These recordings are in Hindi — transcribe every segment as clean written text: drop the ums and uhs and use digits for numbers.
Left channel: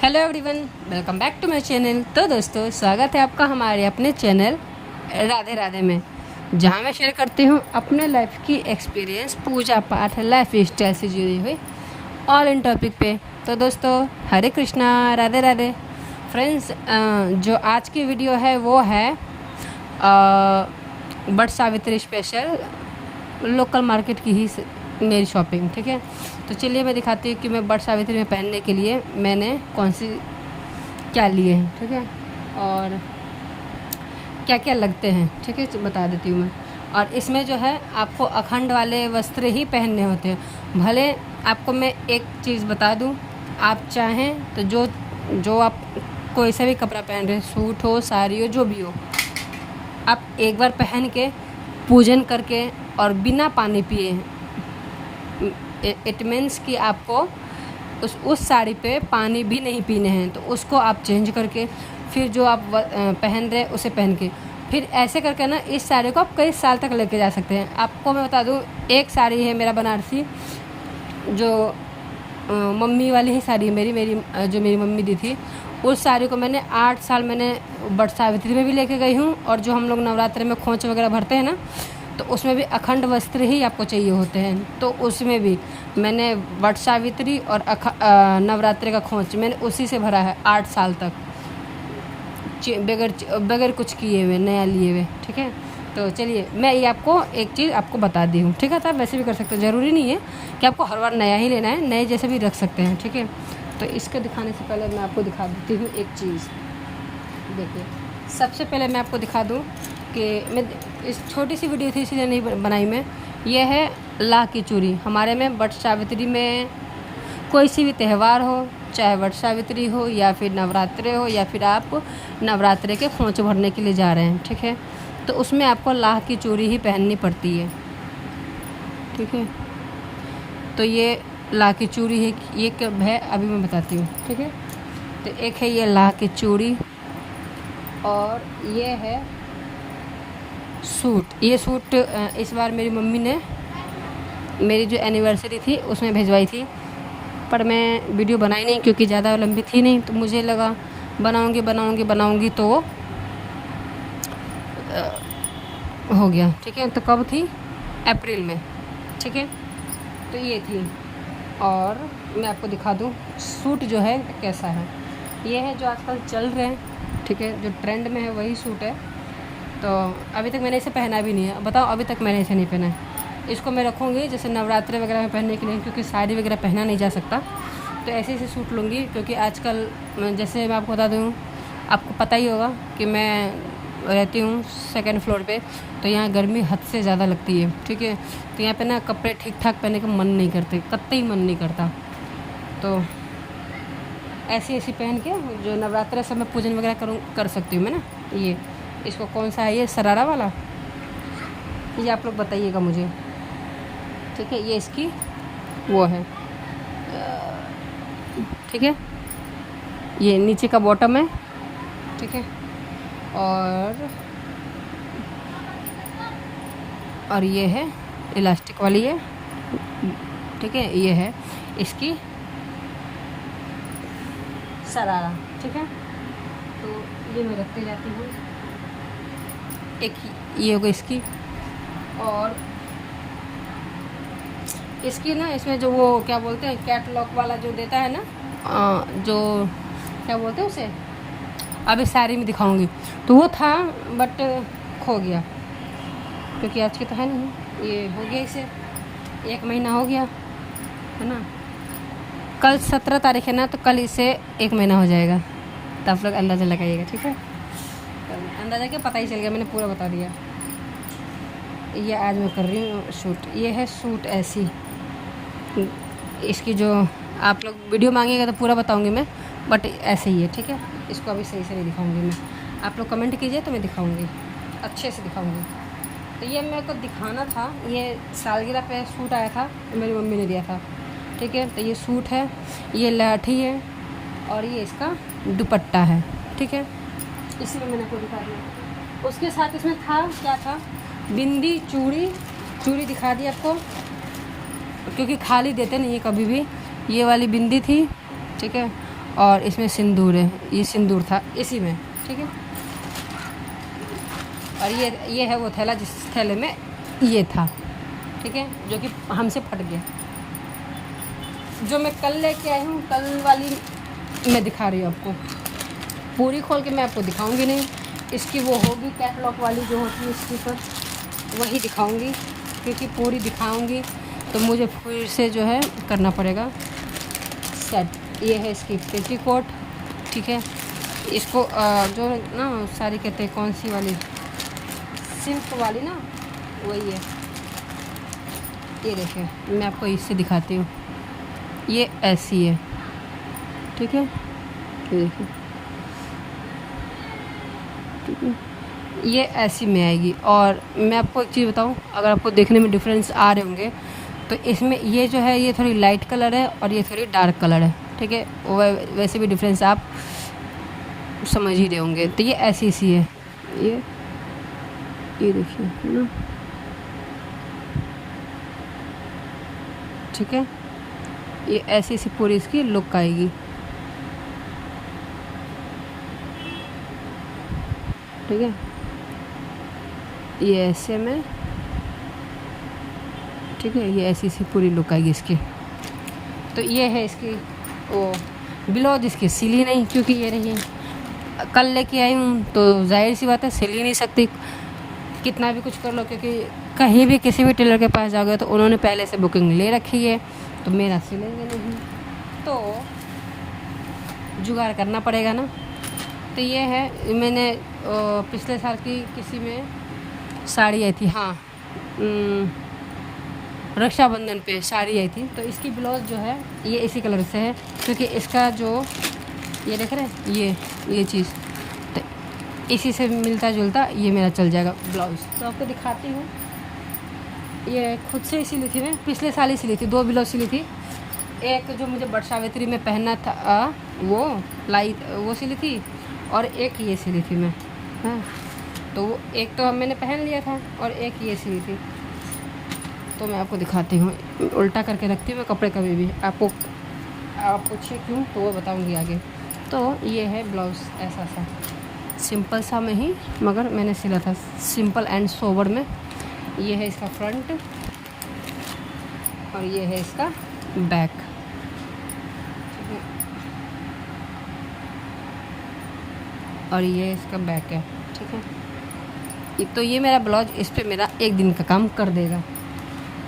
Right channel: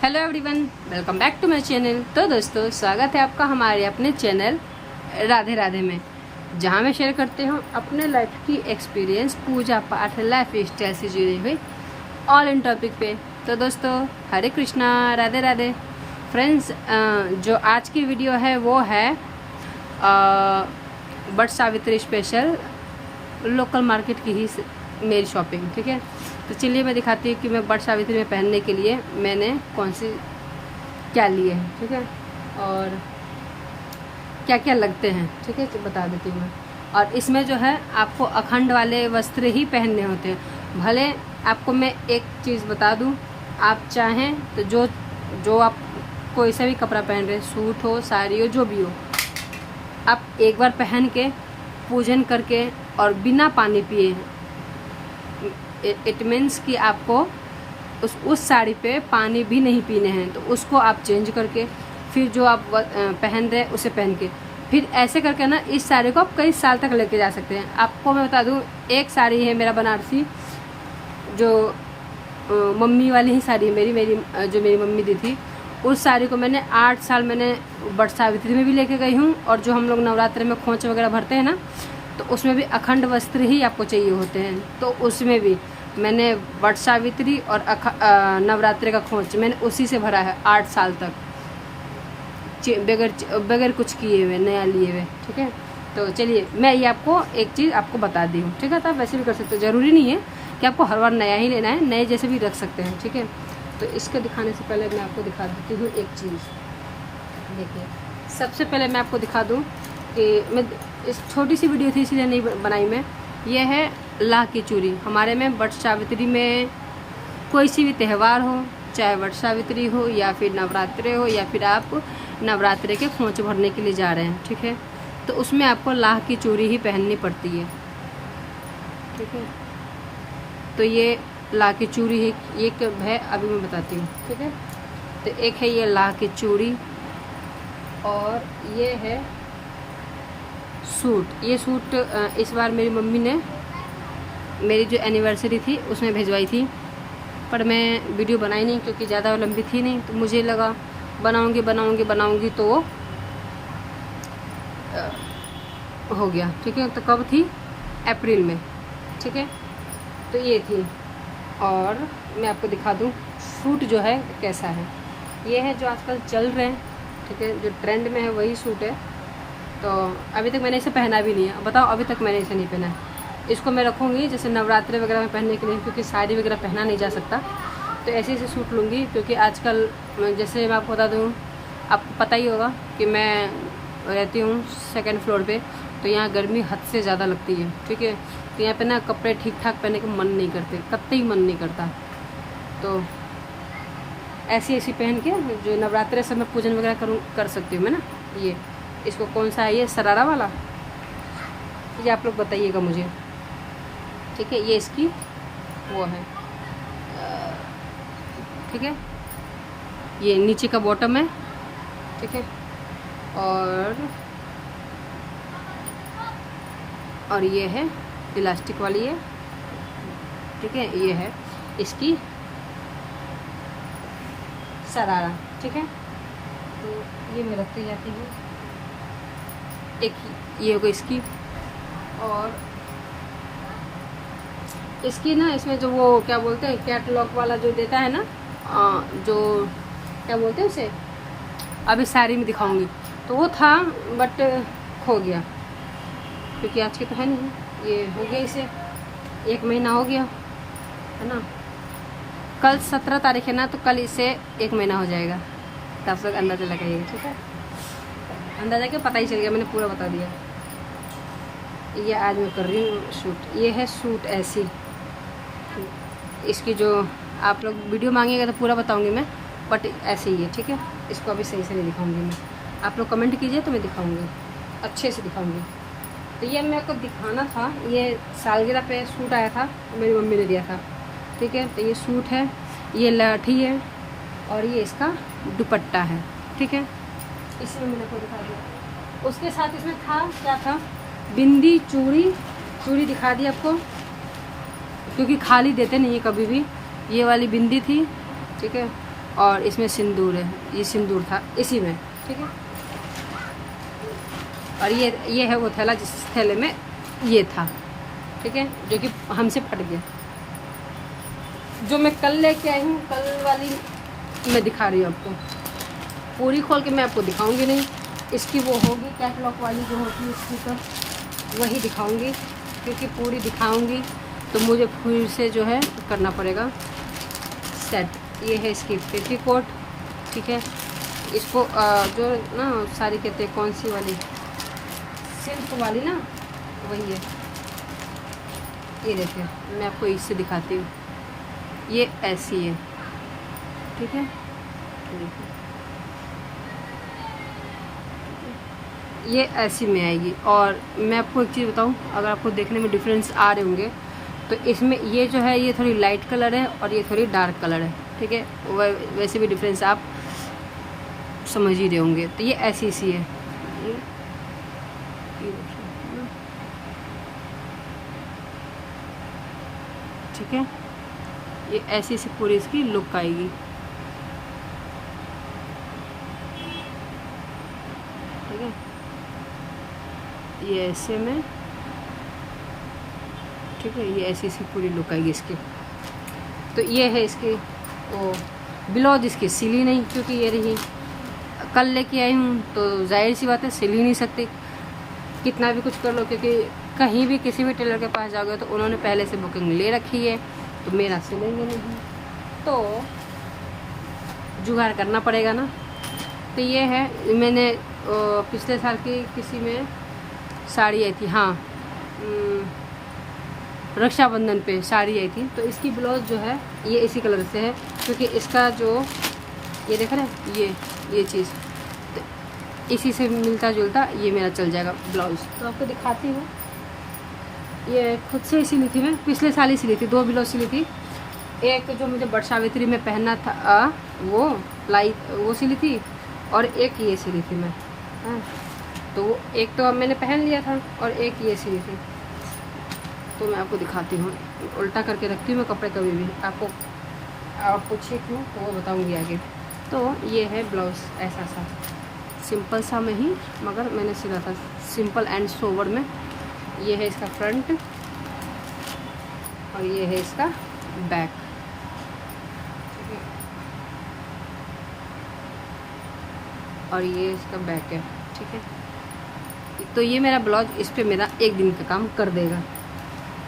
Hello everyone, welcome back to my channel. तो दोस्तों, स्वागत है आपका हमारे अपने चैनल राधे राधे में, जहां मैं शेयर करती हूं अपने लाइफ की एक्सपीरियंस, पूजा पाठ, लाइफ स्टाइल से जुड़ी हुई ऑल इन टॉपिक पे। तो दोस्तों, हरे कृष्णा, राधे राधे। फ्रेंड्स, जो आज की वीडियो है वो है Vat Savitri special local market की ही मेरी शॉपिंग। ठीक है, तो चलिए मैं दिखाती हूँ कि मैं वट सावित्री में पहनने के लिए मैंने कौन सी क्या लिए हैं। ठीक है, और क्या क्या लगते हैं। ठीक है, बता देती हूँ मैं। और इसमें जो है आपको अखंड वाले वस्त्र ही पहनने होते हैं। भले आपको मैं एक चीज़ बता दूँ, आप चाहें तो जो आप कोई सा भी कपड़ा पहन रहे, सूट हो, साड़ी हो, जो भी हो, आप एक बार पहन के पूजन करके और बिना पानी पिए, इट मीन्स कि आपको उस साड़ी पे पानी भी नहीं पीने हैं, तो उसको आप चेंज करके फिर जो आप पहन रहे उसे पहन के फिर ऐसे करके ना इस साड़ी को आप कई साल तक लेके जा सकते हैं। आपको मैं बता दूं, एक साड़ी है मेरा बनारसी, जो मम्मी वाली ही साड़ी है मेरी जो मेरी मम्मी दी थी। उस साड़ी को मैंने 8 साल मैंने वट सावित्री में भी लेके गई हूँ, और जो हम लोग नवरात्र में खोंच वगैरह भरते हैं ना, तो उसमें भी अखंड वस्त्र ही आपको चाहिए होते हैं। तो उसमें भी मैंने वट सावित्री और नवरात्रि का खोंच मैंने उसी से भरा है 8 साल तक, बगैर कुछ किए हुए, नया लिए हुए। ठीक है, तो चलिए मैं ये आपको एक चीज़ आपको बता दी हूँ। ठीक है, तो आप वैसे भी कर सकते हो, ज़रूरी नहीं है कि आपको हर बार नया ही लेना है, नए जैसे भी रख सकते हैं। ठीक है, तो इसको दिखाने से पहले मैं आपको दिखा देती हूँ एक चीज़। देखिए, सबसे पहले मैं आपको दिखा दूँ कि मैं इस छोटी सी वीडियो थी इसलिए नहीं बनाई मैं। ये है लाह की चूड़ी। हमारे में वट सावित्री में कोई सी भी त्यौहार हो, चाहे वट सावित्री हो या फिर नवरात्रे हो या फिर आप नवरात्रे के खोंच भरने के लिए जा रहे हैं, ठीक है, तो उसमें आपको लाह की चूड़ी ही पहननी पड़ती है। ठीक है, तो ये लाह की चूड़ी है, ये कब है अभी मैं बताती हूँ। ठीक है, तो एक है ये लाह की चूड़ी, और ये है सूट। ये सूट इस बार मेरी मम्मी ने मेरी जो एनिवर्सरी थी उसमें भिजवाई थी, पर मैं वीडियो बनाई नहीं क्योंकि ज़्यादा लंबी थी नहीं। तो मुझे लगा बनाऊंगी तो हो गया। ठीक है, तो कब थी? अप्रैल में। ठीक है, तो ये थी। और मैं आपको दिखा दूँ सूट जो है कैसा है। ये है जो आजकल चल रहे हैं, ठीक है, जो ट्रेंड में है वही सूट है। तो अभी तक मैंने इसे पहना भी नहीं है। बताओ, अभी तक मैंने इसे नहीं पहना है। इसको मैं रखूँगी जैसे नवरात्रि वगैरह में पहनने के लिए, क्योंकि साड़ी वगैरह पहना नहीं जा सकता, तो ऐसे ऐसे सूट लूँगी। क्योंकि आजकल जैसे मैं आपको बता दूँ, आपको पता ही होगा कि मैं रहती हूँ 2nd फ्लोर पे, तो यहाँ गर्मी हद से ज़्यादा लगती है। ठीक है, तो यहाँ पे ना कपड़े ठीक ठाक पहनने का मन नहीं करते, कतई ही मन नहीं करता। तो ऐसी पहन के जो नवरात्रि से मैं पूजन वगैरह कर सकती हूँ मैं ना। ये इसको कौन सा है, ये सरारा वाला, ये आप लोग बताइएगा मुझे। ठीक है, ये इसकी वो है। ठीक है, ये नीचे का बॉटम है। ठीक है, और ये है इलास्टिक वाली है। ठीक है, ये है इसकी सरारा। ठीक है, तो ये मैं रख के जाती हूँ। एक ये होगा इसकी, और इसकी ना इसमें जो वो क्या बोलते हैं, कैटलॉग वाला जो देता है ना, जो क्या बोलते हैं उसे, अभी साड़ी में दिखाऊंगी, तो वो था बट खो गया, क्योंकि आज की तो है नहीं। ये हो गया, इसे 1 महीना हो गया है ना। कल 17 तारीख है ना, तो कल इसे 1 महीना हो जाएगा, तो आप लोग अंदाज़ा लगाइएगा। ठीक है, अंदाज़ा क्या, पता ही चल गया, मैंने पूरा बता दिया। ये आज मैं कर रही हूँ सूट। ये है सूट ऐसी, इसकी जो आप लोग वीडियो मांगेगा तो पूरा बताऊंगी मैं, बट ऐसे ही है। ठीक है, इसको अभी सही से नहीं दिखाऊंगी मैं, आप लोग कमेंट कीजिए तो मैं दिखाऊंगी, अच्छे से दिखाऊंगी। तो ये मेरे को दिखाना था, ये सालगिरह पे सूट आया था, मेरी मम्मी ने दिया था। ठीक है, तो ये सूट है, ये लाठी है, और ये इसका दुपट्टा है। ठीक है, इसमें मैंने आपको दिखा दिया। उसके साथ इसमें था, क्या था, बिंदी, चूड़ी दिखा दी आपको, क्योंकि खाली देते नहीं है कभी भी। ये वाली बिंदी थी। ठीक है, और इसमें सिंदूर है, ये सिंदूर था इसी में, ठीक है। और ये है वो थैला जिस थैले में ये था, ठीक है, जो कि हमसे फट गया। जो मैं कल लेके आई हूँ, कल वाली मैं दिखा रही हूँ आपको, पूरी खोल के मैं आपको दिखाऊंगी नहीं। इसकी वो होगी कैटलॉग वाली जो होती है इसकी, तो वही दिखाऊंगी, क्योंकि पूरी दिखाऊंगी तो मुझे फिर से जो है करना पड़ेगा सेट। ये है इसकी पेटीकोट, ठीक है। इसको जो ना साड़ी कहते हैं, कौन सी वाली, सिल्क वाली ना, वही है। ये देखिए, मैं आपको इससे दिखाती हूँ, ये ऐसी है, ठीक है। देखिए, ये ऐसी में आएगी। और मैं आपको एक चीज़ बताऊं, अगर आपको देखने में डिफरेंस आ रहे होंगे तो इसमें ये जो है ये थोड़ी लाइट कलर है और ये थोड़ी डार्क कलर है, ठीक है। वैसे भी डिफरेंस आप समझ ही रहे होंगे। तो ये ऐसी सी है, ये देखिए, है ना, ठीक है। ये ऐसी सी पूरी इसकी लुक आएगी, ठीक है। ये ऐसे में, ठीक है, ये ऐसी सी पूरी लुक आएगी इसकी। तो ये है इसकी वो ब्लाउज, इसकी सिली नहीं, क्योंकि ये रही कल लेके आई हूँ, तो जाहिर सी बात है सिल ही नहीं सकती, कितना भी कुछ कर लो, क्योंकि कहीं भी किसी भी टेलर के पास जाओगे तो उन्होंने पहले से बुकिंग ले रखी है, तो मेरा सिलेंगे नहीं, तो जुगाड़ करना पड़ेगा ना। तो ये है, मैंने पिछले साल की किसी में साड़ी आई थी, हाँ, रक्षाबंधन पे साड़ी आई थी, तो इसकी ब्लाउज जो है ये इसी कलर से है, क्योंकि इसका जो ये देख रहे हैं ये चीज़, तो इसी से मिलता जुलता ये मेरा चल जाएगा ब्लाउज। तो आपको दिखाती हूँ, ये खुद से सिली थी, मैं पिछले साल ही सिली थी, 2 ब्लाउज सिली थी। एक जो मुझे बट सावित्री में पहनना था वो सिली थी, और एक ये सिली थी मैं, हाँ। तो एक तो अब मैंने पहन लिया था और एक ये सिली थी। तो मैं आपको दिखाती हूँ, उल्टा करके रखती हूँ मैं कपड़े कभी भी, आपको आप पूछिए क्यों तो वो बताऊँगी आगे। तो ये है ब्लाउज़, ऐसा सा सिंपल सा में ही, मगर मैंने सिला था सिंपल एंड सोवर में। ये है इसका फ्रंट और ये है इसका बैक, और ये इसका बैक है, ठीक है। तो ये मेरा ब्लाउज, इस पर मेरा 1 दिन का काम कर देगा।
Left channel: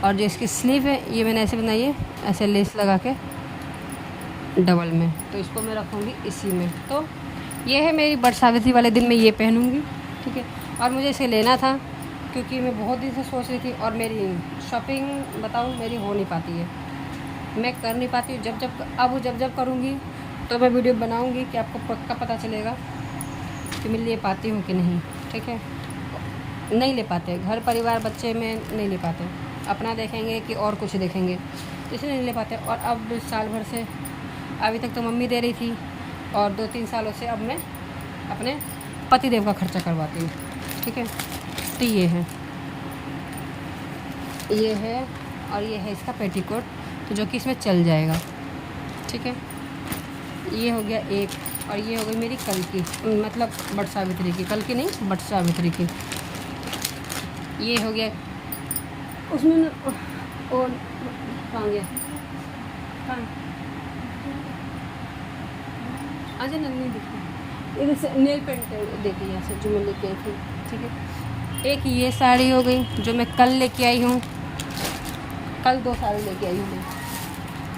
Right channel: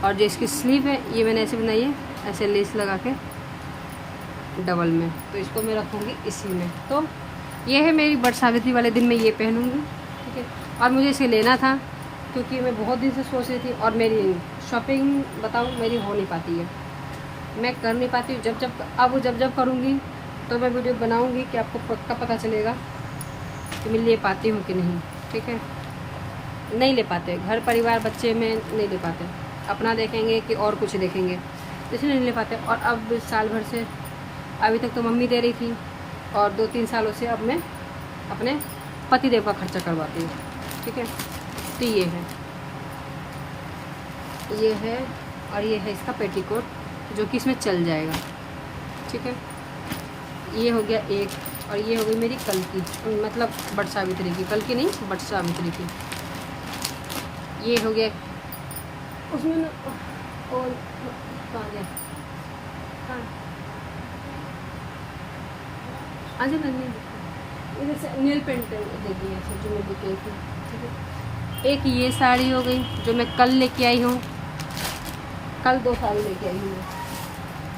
और जो इसकी स्लीव है ये मैंने ऐसे बनाई है, ऐसे लेस लगा के डबल में, तो इसको मैं रखूँगी इसी में। तो ये है मेरी बट सावित्री वाले दिन में ये पहनूँगी, ठीक है। और मुझे इसे लेना था क्योंकि मैं बहुत दिन से सोच रही थी, और मेरी शॉपिंग बताऊँ मेरी हो नहीं पाती है, मैं कर नहीं पाती हूँ। जब करूँगी तो मैं वीडियो बनाऊँगी कि आपको पक्का पता चलेगा कि मैं ले पाती हूँ कि नहीं, ठीक है। नहीं ले पाते, घर परिवार बच्चे में नहीं ले पाते, अपना देखेंगे कि और कुछ देखेंगे, तो इसलिए नहीं ले पाते। और अब साल भर से, अभी तक तो मम्मी दे रही थी, और 2-3 सालों से अब मैं अपने पतिदेव का खर्चा करवाती हूँ, ठीक है। तो ये है और ये है इसका पेटीकोट, तो जो कि इसमें चल जाएगा, ठीक है। ये हो गया एक, और ये हो गई मेरी कल की, मतलब बट सावित्री की, कल की नहीं बट सावित्री की। ये हो गया, उसमें ना और कहाँ गया, आज ना नहीं दिखा, इधर से नेल पेंट देखिए, यहाँ से जो मैं लेके आई थी, ठीक है। एक ये साड़ी हो गई जो मैं कल लेके आई हूँ, कल 2 साड़ी लेके आई हूँ मैं,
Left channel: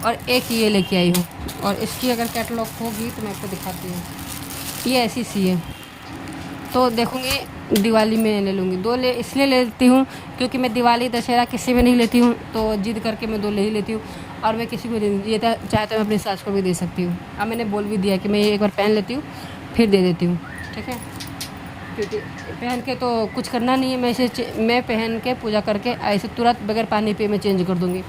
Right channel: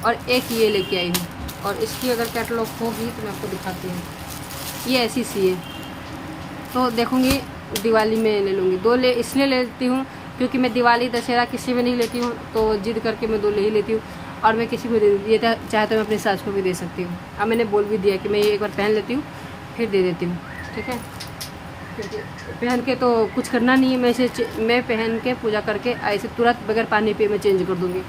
और एक ये लेके आई हूँ। और इसकी अगर कैटलॉग होगी तो मैं आपको दिखाती हूँ। ये ऐसी सी है, तो देखूँगी दिवाली में ले लूँगी। 2 इसलिए ले लेती हूँ क्योंकि मैं दिवाली दशहरा किसी में नहीं लेती हूँ, तो जिद करके मैं 2 ले ही लेती हूँ, और मैं किसी को दे दूँ। ये चाहे तो मैं अपनी सास को भी दे सकती हूँ। अब मैंने बोल भी दिया कि मैं एक बार पहन लेती हूँ फिर दे देती हूँ, ठीक है। क्योंकि पहन के तो कुछ करना नहीं है, मैं पहन के पूजा करके ऐसे तुरंत बगैर पानी पे मैं चेंज कर दूँगी।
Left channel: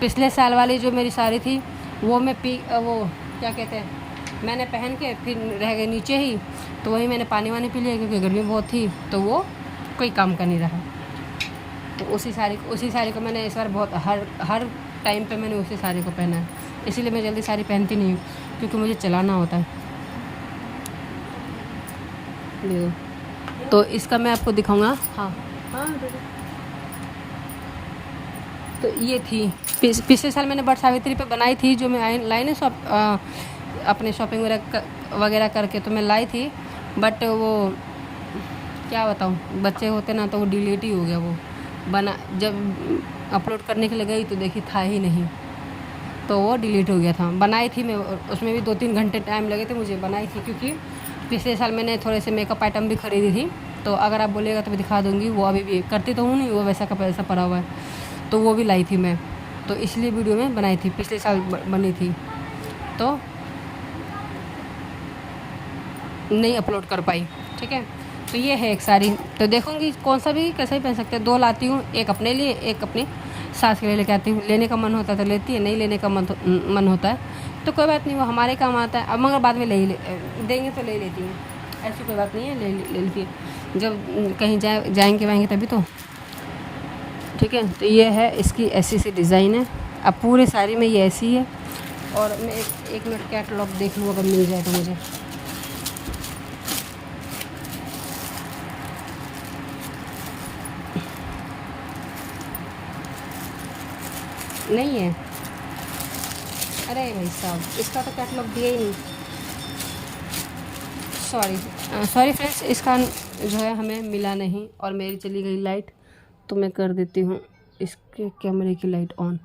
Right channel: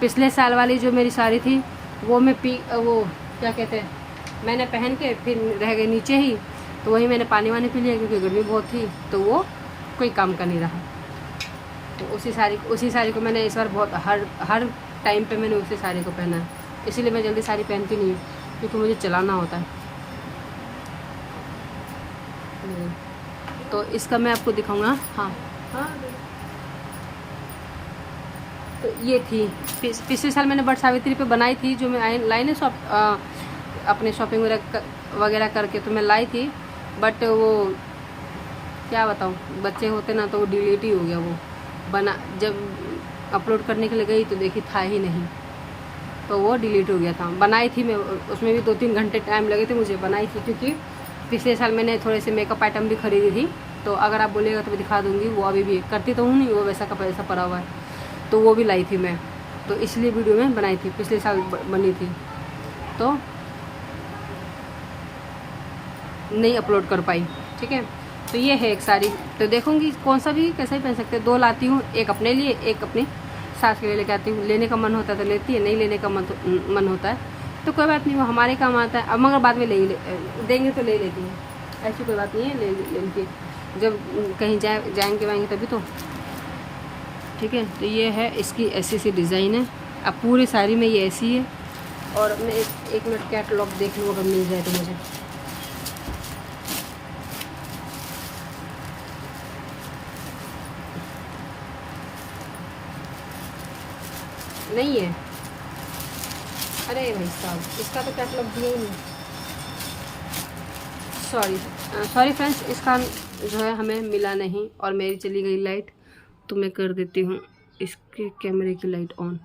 पिछले साल वाली जो मेरी साड़ी थी वो मैं वो क्या कहते हैं, मैंने पहन के फिर रह गई नीचे ही, तो वही मैंने पानी वानी पी लिया क्योंकि गर्मी बहुत थी, तो वो कोई काम का नहीं रहा। तो उसी साड़ी को मैंने इस बार बहुत हर टाइम पे मैंने उसी साड़ी को पहना है, इसीलिए मैं जल्दी साड़ी पहनती नहीं हूँ। क्योंकि मुझे चलाना होता है। तो इसका मैं आपको दिखाऊंगा। हाँ, तो ये थी पिछले साल मैंने बट सावित्री पे बनाई थी, जो मैं लाई ना अपने शॉपिंग वगैरह करके तो मैं लाई थी, बट वो क्या बताऊँ, बच्चे होते ना तो वो डिलीट ही हो गया। वो बना जब अपलोड करने के लिए गई तो देखी था ही नहीं, तो वो डिलीट हो गया था। बनाई थी मैं, उसमें भी 2-3 घंटे टाइम लगे थे मुझे, बनाई थी क्योंकि पिछले साल मैंने थोड़े से मेकअप आइटम भी खरीदी थी। तो अगर आप बोलिएगा तो मैं दिखा दूँगी, वो अभी भी करती तो हूँ नहीं, वो वैसा का वैसा पड़ा हुआ है, तो वो भी लाई थी मैं, तो इसलिए वीडियो में बनाई थी, पिछले साल बनी थी तो नहीं अपलोड कर पाई। ठीक है, तो ये है एक साड़ी, तो देखूँगी कौन सा भी कैसे भी पहन सकते हैं। 2 लाती हूँ, एक अपने लिए, एक अपनी सास के लिए लेके आती हूँ। लेने का मन होता है तो लेती है, नहीं लेने का मन होता है तो कोई बात नहीं, वो हमारे काम आता है। अब मगर बाद में देंगे तो ले लेती हैं, ऐसी कोई बात नहीं है, ले लेती है जब कहीं जाएंगे वाएंगे तभी तो। ठीक है, तो ये है इसकी ऐसी सी डिज़ाइन है। अब पूरी साड़ी में ये ऐसी है। और मैं एक मिनट कैटलॉग देख लूँ अगर मिल जाए तो मुझे। नहीं है, अरे भाई साहब, इसका तो कैटलॉग दिया ही नहीं। सॉरी फ्रेंड्स, इसका जो है हमें मिला नहीं और मेरी चली गई लाइट, तो मैं कर देती हूँ इसके कैमरे की लाइट ऑन।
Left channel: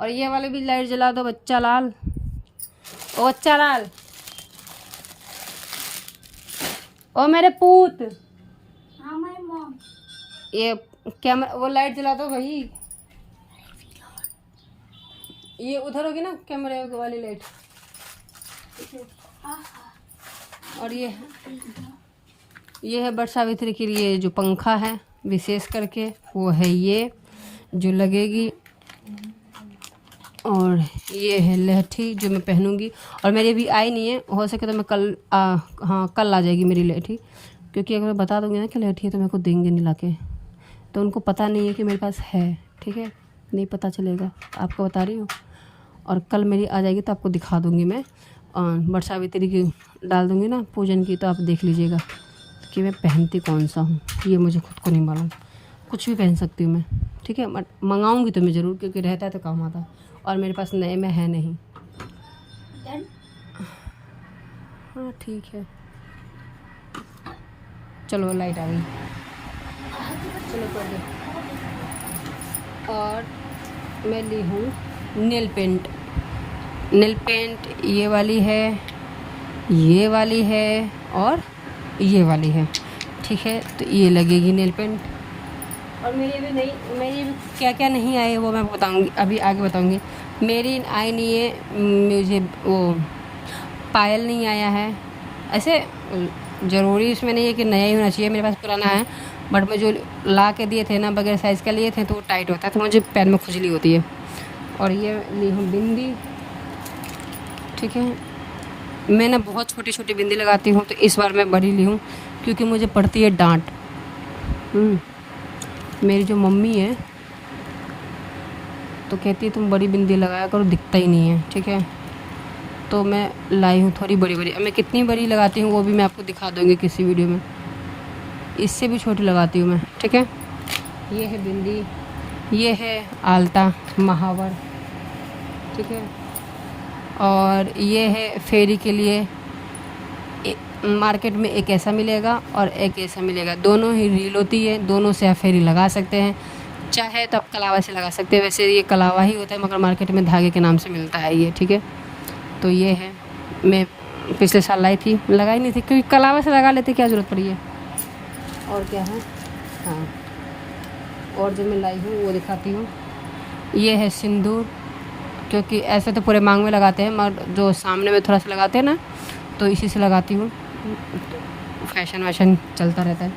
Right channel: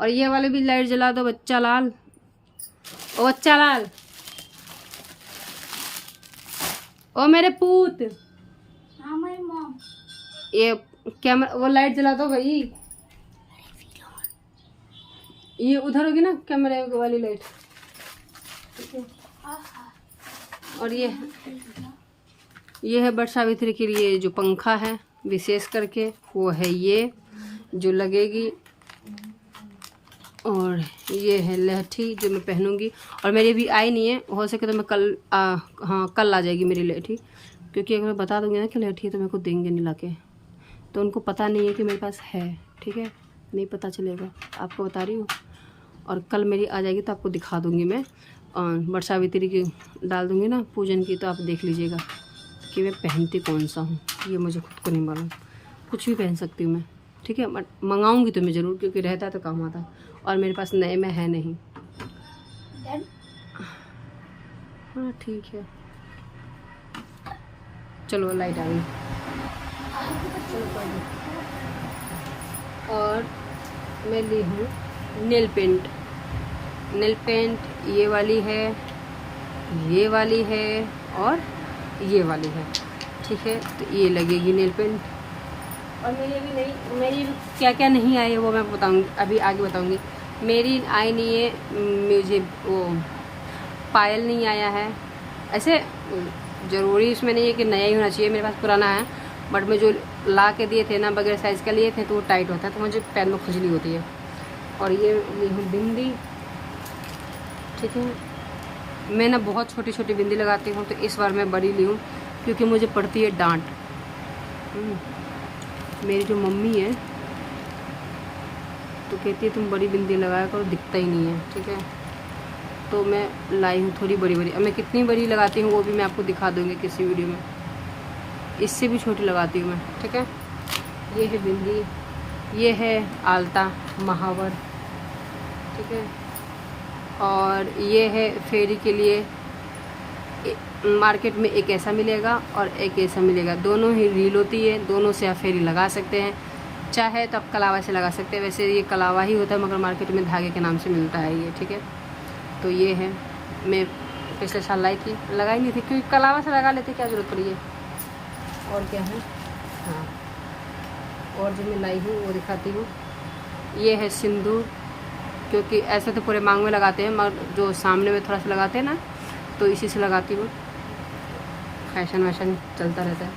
और ये वाले भी लाइट जला दो बच्चा लाल, ओ बच्चा लाल, ओ मेरे पूत। हाँ माय मॉम। ये कैमरा वो लाइट जला दो भाई, ये उधर होगी ना कैमरे वाली लाइट। और ये है बट सावित्री के लिए जो पंखा है विशेष करके, वो है ये जो लगेगी। और ये है लहठी जो मैं पहनूंगी, और मेरी भी आई नहीं है, हो सके तो मैं कल आ जाएगी मेरी लहठी, क्योंकि अगर मैं बता दूंगी ना कि लहठी है तो मेरे को देंगे नहीं लाके, तो उनको पता नहीं है कि मेरे पास है। ठीक है, नहीं पता चलेगा, आपको बता रही हूँ। और कल मेरी आ जाएगी तो आपको दिखा दूंगी मैं, बट सावित्री की डाल दूंगी ना पूजन की, तो आप देख लीजिएगा कि मैं पहनती कौन सा हूँ। ये मुझे खुद को नहीं मालूम, कुछ भी पहन सकती हूँ मैं। ठीक है, बट मंगाऊंगी तो मैं ज़रूर, क्योंकि रहता तो काम आता, और मेरे पास नए में है नहीं। हाँ ठीक है, चलो लाइट आ गई। और मैं ली हूँ नेल पेंट, ये वाली है, ये वाली है और ये वाली है। ठीक है, तो ये लगेगी नेल पेंट। और मेरी क्या क्या नहीं आए वो मैं बताऊंगी, अभी आगे बताऊंगी। मेरी आई नहीं है, मुझे वो पायल नहीं आया है। ऐसे ज़रूरी इसमें नहीं है कि नया ही होना चाहिए, मेरे पास पुराना है, बट मैं जो ला के दिए थे ना बगैर साइज़ का लिए थे तो वो टाइट होता है, तो मुझे पैर में खुजली होती है। और ये ली हूँ बिंदी। ठीक है, मैं ना बहुत छोटी छोटी बिंदी लगाती हूँ, तो इस बार मैं बड़ी ली हूँ क्योंकि मुझे पड़ती है डांट। मेरी जो मम्मी है तो कहती है तुम बड़ी बिंदी लगाया करो, दिखता ही नहीं है। ठीक है, तो मैं लाई हूँ थोड़ी बड़ी। मैं कितनी बड़ी लगाती हूँ वो भी मैं आपको दिखा दूँगी किसी वीडियो में, इससे भी छोटी लगाती हूँ मैं। ठीक है, ये है बिंदी, ये है आलता महावर। ठीक है, और ये है फेरी के लिए, मार्केट में एक ऐसा मिलेगा और एक ऐसा मिलेगा, दोनों ही रील होती है, दोनों से आप फेरी लगा सकते हैं, चाहे तो आप कलावा से लगा सकते हैं। वैसे ये कलावा ही होता है मगर मार्केट में धागे के नाम से मिलता है ये। ठीक है, तो ये है, मैं पिछले साल लाई थी, लगाई नहीं थी क्योंकि कलावा से लगा लेते, क्या ज़रूरत पड़ी है। और क्या है, हाँ, और जो मैं लाई हूँ वो दिखाती हूँ। ये है सिंदूर, क्योंकि ऐसे तो पूरे मांग में लगाते हैं मगर जो सामने में थोड़ा सा लगाते हैं ना, तो इसी से लगाती हूँ, फैशन वैशन चलता रहता है।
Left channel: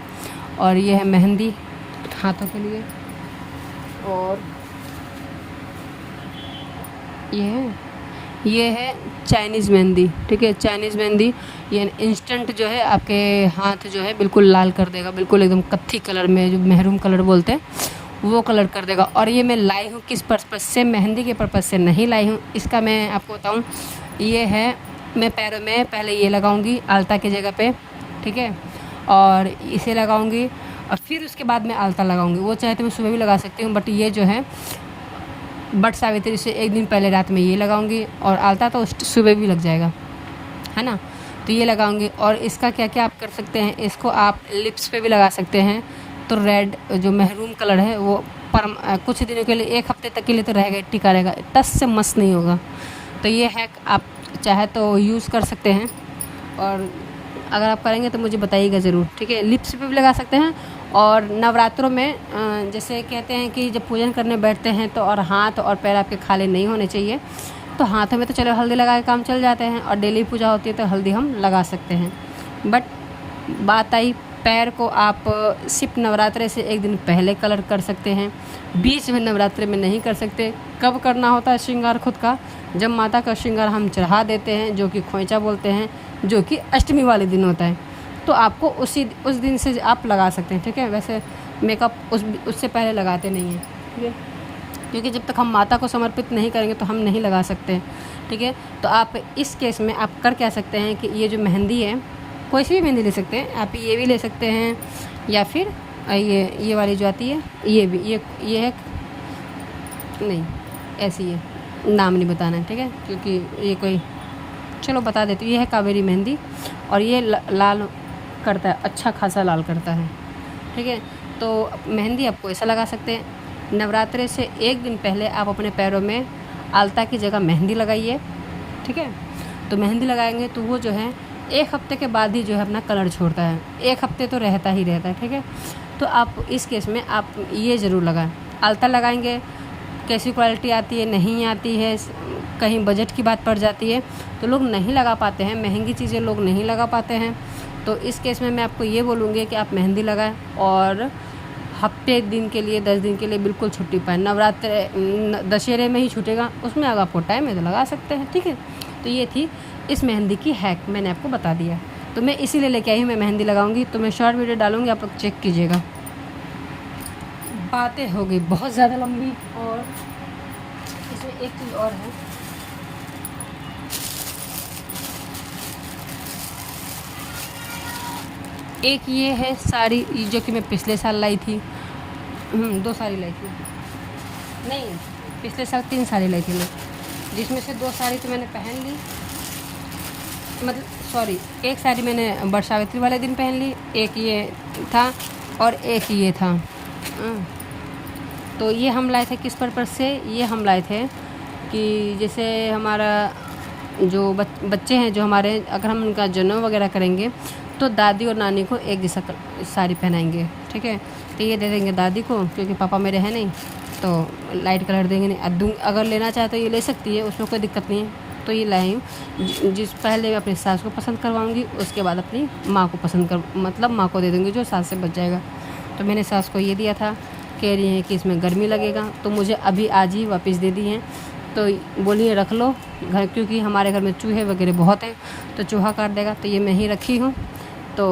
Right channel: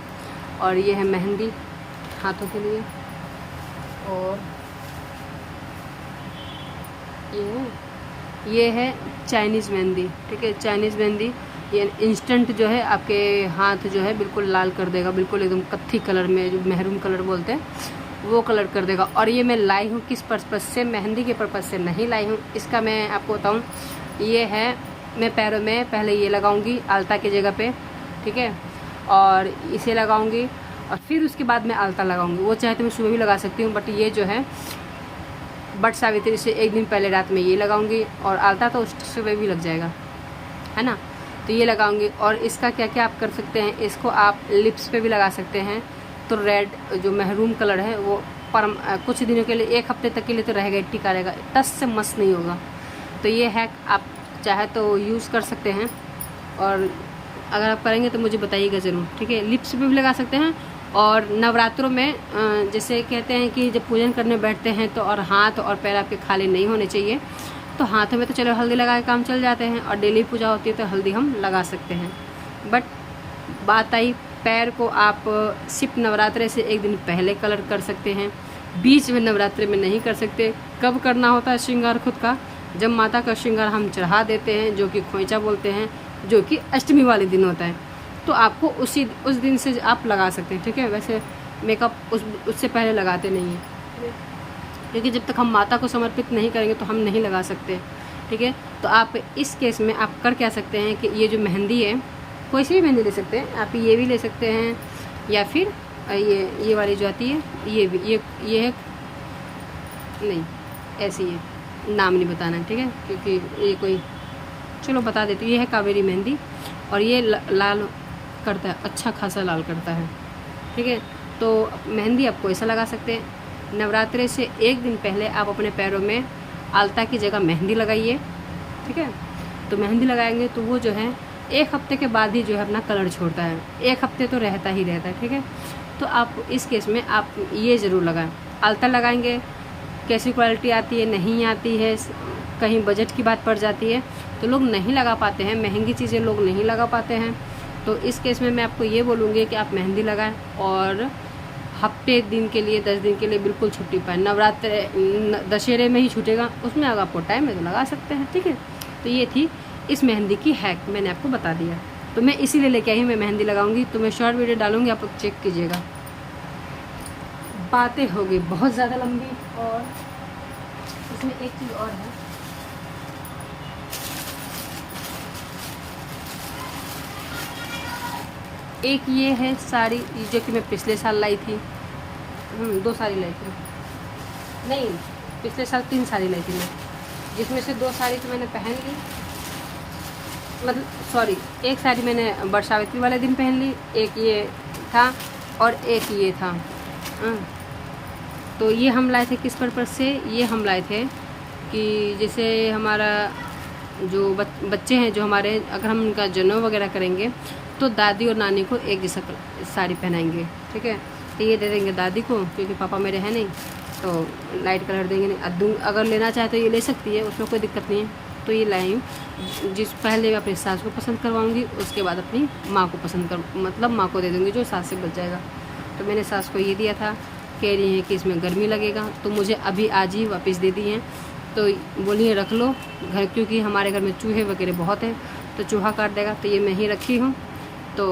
और ये है मेहंदी हाथों के लिए। और ये है चाइनीज़ मेहंदी। ठीक है, चाइनीज़ मेहंदी ये इंस्टेंट जो है आपके हाथ जो है बिल्कुल लाल कर देगा, बिल्कुल एकदम कत्थी कलर में, जो मेहरून कलर बोलते हैं वो कलर कर देगा। और ये मैं लाई हूँ किस पर्पज़ से, मेहंदी के पर्पज़ से नहीं लाई हूँ, इसका मैं आपको बताऊँ। ये है मैं पैरों में पहले ये लगाऊंगी आलता की जगह पे, ठीक है, और इसे लगाऊंगी और फिर उसके बाद मैं आलता लगाऊंगी। वो चाहे तो मैं सुबह भी लगा सकती हूँ, बट ये जो है बट सावित्री से एक दिन पहले रात में ये लगाऊंगी, और आलता तो सुबह भी लग जाएगा, है ना। तो ये लगाऊंगी। और इसका क्या क्या आप कर सकते हैं, इसको आप लिप्स पे भी लगा सकते हैं। तो रेड जो महरून कलर है वो कुछ दिनों के लिए, 1 हफ्ते तक के लिए तो रहेगा, टिका रहेगा, टस से मस नहीं होगा। तो ये हैक आप चाहे तो यूज़ कर सकते हैं, और अगर आप करेंगे तो मुझे बताइएगा ज़रूर, ठीक है। लिप्स पे भी लगा सकते हैं। और नवरात्रों में जैसे कहते हैं कि जब पूजन करने बैठते हैं तो और हाथ और पैर आपके खाली नहीं होने चाहिए। तो हाथों में तो चलो हल्दी लगा के काम चल जाते हैं, और डेली पूजा होती है तो हल्दी हम लगा सकते हैं। बट बात आई पैर को आप सिर्फ नवरात्रे से एक दिन पहले कलर कर सकते हैं, बीच में नवरात्रे में नहीं कर सकते। कब करना होता है श्रृंगार खुद का, जब माता का श्रृंगार हम चढ़ा देते हैं, जो कि खोइचा बोलते हैं, जो कि अष्टमी वाले दिन होता है। तो आपको उस दिन से आप लगा सकते हैं, ठीक है। वैसे मेकअप उससे पहले लगाते नहीं हैं, ठीक है, क्योंकि जब तक हम माता को समर्पित नहीं करेंगे तो हम नहीं लगा सकते, ठीक है। तो आप इस केस में आप कर क्या सकते हैं कि ये जो मेहंदी है, कोई सी भी मेहंदी ले सकते हैं आप, ये भी ले सकते हैं, या फिर ये वाली जो आती है, ये भी ये है, नहीं ऐसी है, नाम नहीं बताना है, ठीक है, क्योंकि ये कोई, चलो बता देती हूँ। ये है कावेरी मेहंदी, और ये लाल करता है, अच्छा खासा लाल करता है, ठीक है। तो मेहंदी आपको ऐसा लगा सकते हैं। नवरात्रे से एक दिन पहले आप अपने पैरों में आलता की जगह मेहंदी लगाइए, ठीक है। तो मेहंदी लगाएंगे तो वो जो है 1 हफ्ते के बाद ही जो है अपना कलर छोड़ता है, 1 हफ्ते तो रहता ही रहता है, ठीक है। तो आप इस केस में आप ये ज़रूर लगाएं। आलता लगाएंगे, कैसी क्वालिटी आती है, नहीं आती है, कहीं बजट की बात पड़ जाती है तो लोग नहीं लगा पाते हैं, महंगी चीज़ें लोग नहीं लगा पाते हैं। तो इस केस में मैं आपको ये बोलूँगी कि आप मेहंदी लगाएं, और हफ्ते दिन के लिए 10 दिन के लिए बिल्कुल छुट्टी पाएँ। नवरात्र दशहरे में ही छूटेगा, उसमें अगर आपको टाइम है तो लगा सकते हैं, ठीक है। तो ये थी इस मेहंदी की हैक, मैंने आपको बता दिया। तो मैं इसीलिए लेके आई, मैं मेहंदी लगाऊंगी, तो मैं शॉर्ट वीडियो डालूंगी, आप लोग चेक कीजिएगा। बातें हो गई बहुत ज़्यादा लंबी, और इसमें एक चीज़ और है, एक ये है साड़ी जो कि मैं पिछले साल लाई थी, 2 साड़ी लाई थी, नहीं पिछले साल 3 साड़ी लाई थी मैं, जिसमें से 2 साड़ी तो मैंने पहन ली, मतलब सॉरी, एक साड़ी मैंने बट सावित्री वाले दिन पहन ली, एक ये था और एक ये था। तो ये हम लाए थे किस पर्पज़ से, ये हम लाए थे कि जैसे हमारा जो बच्चे हैं जो हमारे, अगर हम उनका जनेऊ वगैरह करेंगे तो दादी और नानी को एक जैसा साड़ी पहनाएंगे, ठीक है। तो ये दे देंगे दादी को, क्योंकि पापा मेरे हैं नहीं, तो लाइट कलर देंगे नहीं। अगर लेना चाहे तो ये ले सकती है, उसमें कोई दिक्कत नहीं है। तो ये लाई हूँ, जिस पहले अपनी सास को पसंद करवाऊँगी, उसके बाद अपनी माँ को मतलब माँ को दे दूँगी, जो सास से बच जाएगा। तो मैंने सास को ये दिया था, कह रही हैं कि इसमें गर्मी लगेगा, तो मुझे अभी आज ही वापस दे दी हैं। तो बोलिए रख लो घर, क्योंकि हमारे घर में चूहे वगैरह बहुत हैं, तो चूहा काट देगा। तो ये मैं ही रखी हूँ, तो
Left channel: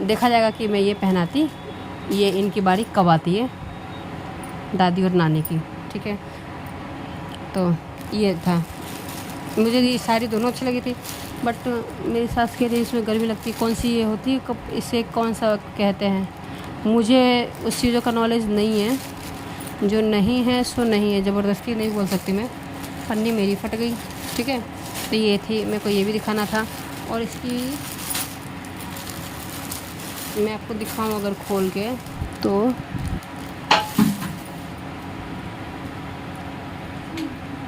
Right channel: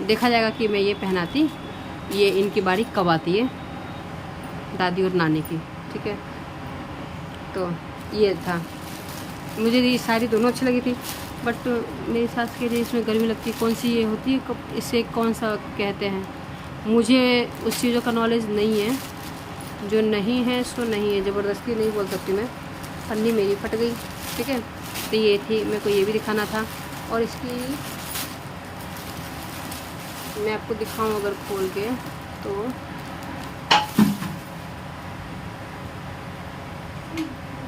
देखा जाएगा कि मैं ये पहनाती, ये इनकी बारी कब आती है, दादी और नानी की, ठीक है। तो ये था, मुझे ये साड़ी दोनों अच्छी लगी थी, बट मेरी सास कह रही इसमें गर्मी लगती, कौन सी ये होती है, इसे कौन सा कहते हैं, मुझे उस चीज़ों का नॉलेज नहीं है, जो नहीं है सो नहीं है, ज़बरदस्ती नहीं बोल सकती मैं, पन्नी मेरी फट गई, ठीक है। तो ये थी, मेरे को ये भी दिखाना था। और इसकी मैं आपको दिखाऊं अगर खोल के, तो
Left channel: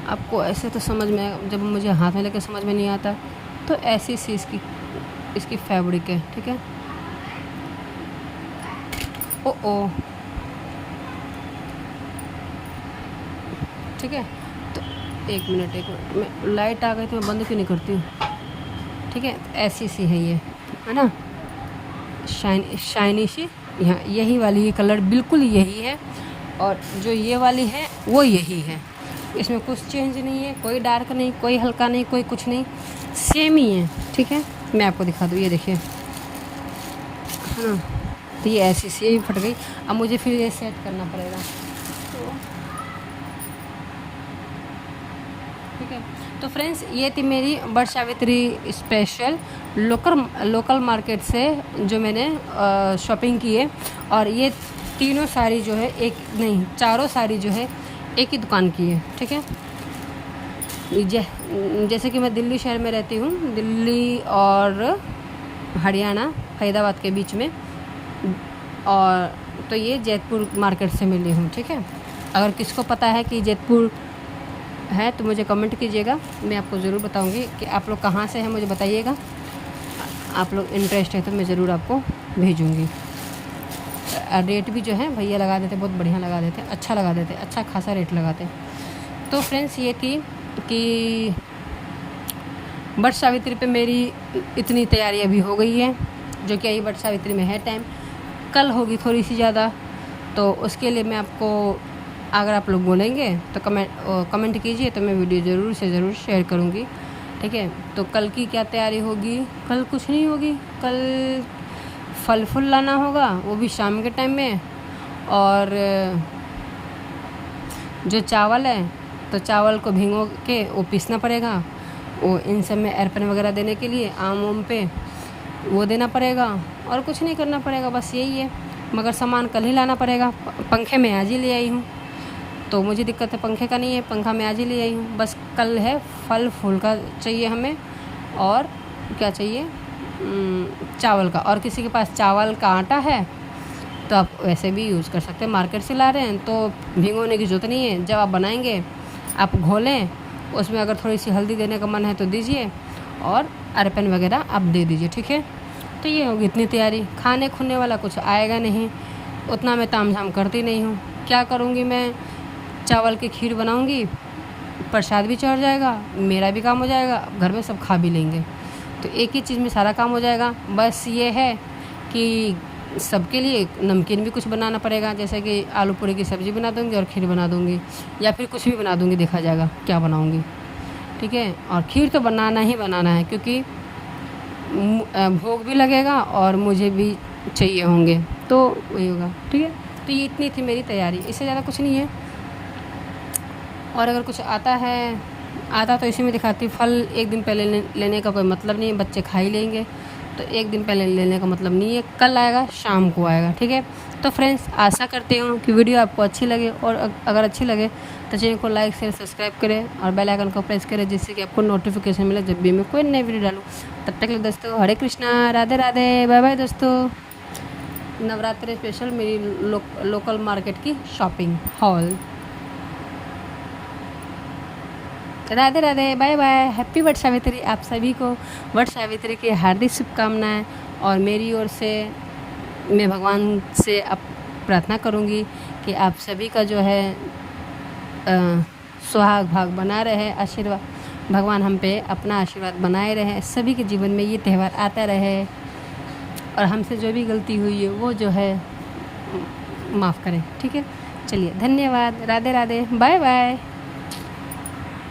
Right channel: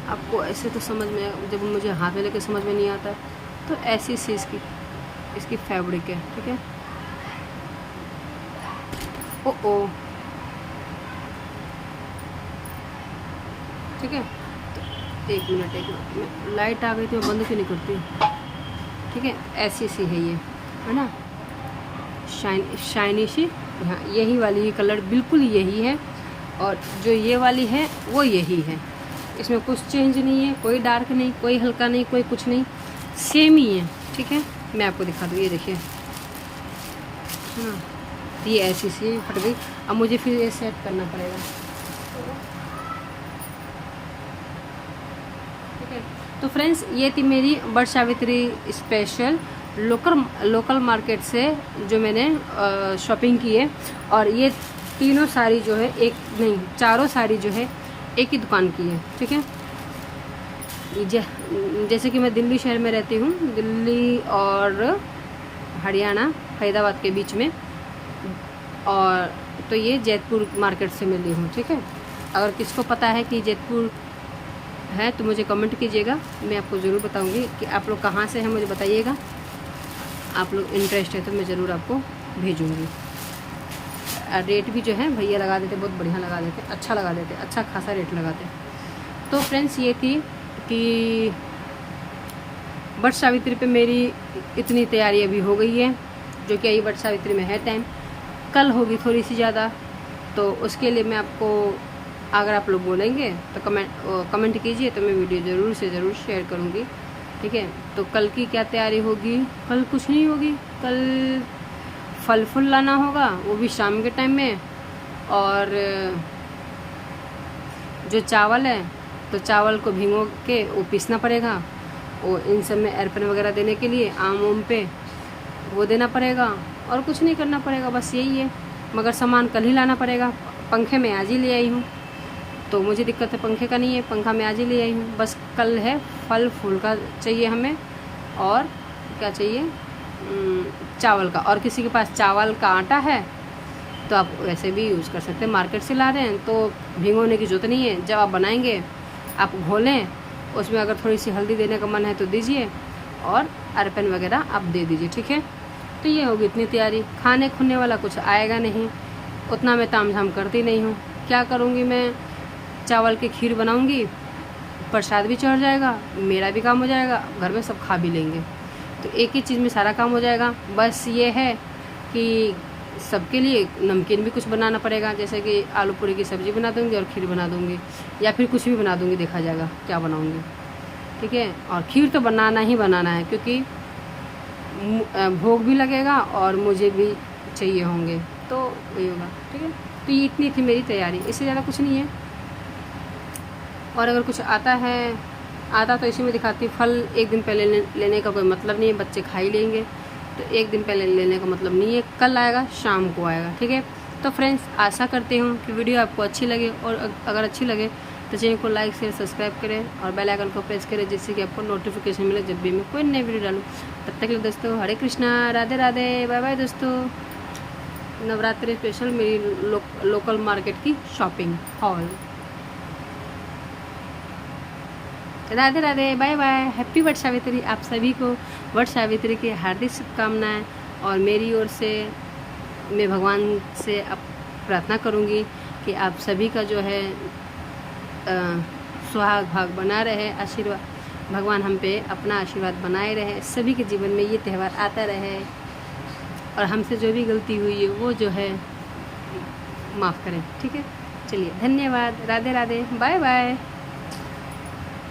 आपको ऐसे तो समझ में, जब मुझे हाथ में लेके समझ में नहीं आता, तो ऐसी सी इसकी फैब्रिक है, ठीक है। ओ ठीक है। तो एक मिनट, लाइट आ गई तो बंद क्यों नहीं करती हूँ, ठीक है। ऐसी सी है ये, है ना, शाइनी सी, यहाँ यही वाली ही कलर बिल्कुल यही है, और जो ये वाली है वो यही है, इसमें कुछ चेंज नहीं है, कोई डार्क नहीं, कोई हल्का नहीं, कोई कुछ नहीं, सेम ही है, ठीक है। मैं आपको दिखा दूँ, ये देखिए, तो ये ऐसी सी ही फट गई। अब मुझे फिर ये सेट करना पड़ेगा, ठीक है। तो फ्रेंड्स ये थी मेरी Vat Savitri special local market से जो मैंने शॉपिंग की है। और ये तीनों साड़ी जो है चारों साड़ी जो है एक ही दुकान की है, ठीक है। जैसे कि मैं दिल्ली शहर में रहती हूँ, दिल्ली और हरियाणा फरीदाबाद के बीच में, और तो ये जैतपुर मार्केट से मिली हूँ, ठीक है। अगर किसको पता है कि जैतपुर है तो मुझे कमेंट कीजिएगा, मैं आपको ज़रूर बताऊँगी कि आप लोग कहाँ से हैं, मुझे बताइएगा। आप लोग इंटरेस्ट है तो मैं ज़रूर आपको भेजूँगी। रेट भी जो है भैया लगा देते, बहुत बढ़िया लगा देते, अच्छा लगा देते, अच्छा खासा रेट लगाते। तो फ्रेंड्स ये थी कि वट सावित्री पे मेरी इतनी तैयारी अभी हो गई है, जो कि अभी वट सावित्री में है टाइम, कल होगी थोड़ी सी ज़्यादा। तो उसके लिए मैं आपको, अगर आप लोग बोलेंगे तो कमेंट कीजिए, तो मैं वीडियो ज़रूर से ज़रूर शेयर करूँगी, ठीक है। तो कल की क्या तैयारी होगी? कल कुछ नहीं होगी, कल फल फूल लाना होगा, वो भी शाम के टाइम में। और जो चावल है तो चावल को भिगो के वो पीसना पड़ेगा, वो इन सब में अर्पण वगैरह देने के लिए आम पे वो देना पड़ेगा, और कुछ नहीं करना पड़ेगा, बस यही है। मगर सामान कल ही लाना पड़ेगा। पंखे मैं आज ही ले आई हूँ, तो मुझे दिक्कत है पंखे का नहीं है, पंखा मैं आज ही ले आई हूँ। बस कल है फल फूल का चाहिए हमें, और क्या चाहिए, चावल का। और किसी के पास चावल का आटा है तो आप वैसे भी यूज़ कर सकते हैं, मार्केट से ला रहे हैं तो भिगोने की ज़रूरत नहीं है। जब आप बनाएंगे आप घोलें, उसमें अगर थोड़ी सी हल्दी देने का मन है तो दीजिए, और अर्पण वगैरह आप दे दीजिए, ठीक है। तो ये होगी इतनी तैयारी। खाने खुने वाला कुछ आएगा नहीं, उतना मैं ताम झाम करती नहीं हूँ। क्या करूँगी मैं, चावल की खीर बनाऊँगी, प्रसाद भी चढ़ जाएगा, मेरा भी काम हो जाएगा, घर में सब खा भी लेंगे, तो एक ही चीज़ में सारा काम हो जाएगा। बस ये है कि सबके लिए नमकीन भी कुछ बनाना पड़ेगा, जैसे कि आलू पूरी की सब्ज़ी बना दूँगी और खीर बना दूँगी, या फिर कुछ भी बना दूँगी, देखा जाएगा क्या बनाऊँगी, ठीक है। और खीर तो बनाना ही बनाना है, क्योंकि भोग भी लगेगा और मुझे भी चाहिए होंगे, तो वही होगा, ठीक है। तो ये इतनी थी मेरी तैयारी, इससे ज़्यादा कुछ नहीं है। और अगर कुछ आता तो इसी में दिखाती। फल एक दिन पहले लेने का कोई मतलब नहीं है, बच्चे खा ही लेंगे, तो एक दिन पहले लेने का मतलब नहीं है, कल आएगा, शाम को आएगा, ठीक है। तो फ्रेंड्स, आशा करती हूँ कि वीडियो आपको अच्छी लगे, और अगर अच्छी लगे तो चैनल को लाइक शेयर सब्सक्राइब करें और बेल आइकन को प्रेस करें, जिससे कि आपको नोटिफिकेशन मिले जब भी मैं कोई नई वीडियो डालूँ। तब तक के लिए दोस्तों, हरे कृष्णा, राधे राधे, बाय बाय दोस्तों। नवरात्रि स्पेशल मेरी लोकल मार्केट की shopping haul. Radhe Radhe, bye bye, happy Vat Savitri. आप सभी को वट सावित्री की हार्दिक शुभकामनाएं। और मेरी ओर से मैं भगवान से अब प्रार्थना करूंगी कि आप सभी का जो है सुहाग भाग बना रहे, आशीर्वाद भगवान हम पे अपना आशीर्वाद बनाए रहे, सभी के जीवन में ये त्यौहार आता रहे, और हमसे जो भी गलती हुई है वो जो है माफ़ करें, ठीक है। चलिए, धन्यवाद, राधे राधे, बाय बाय।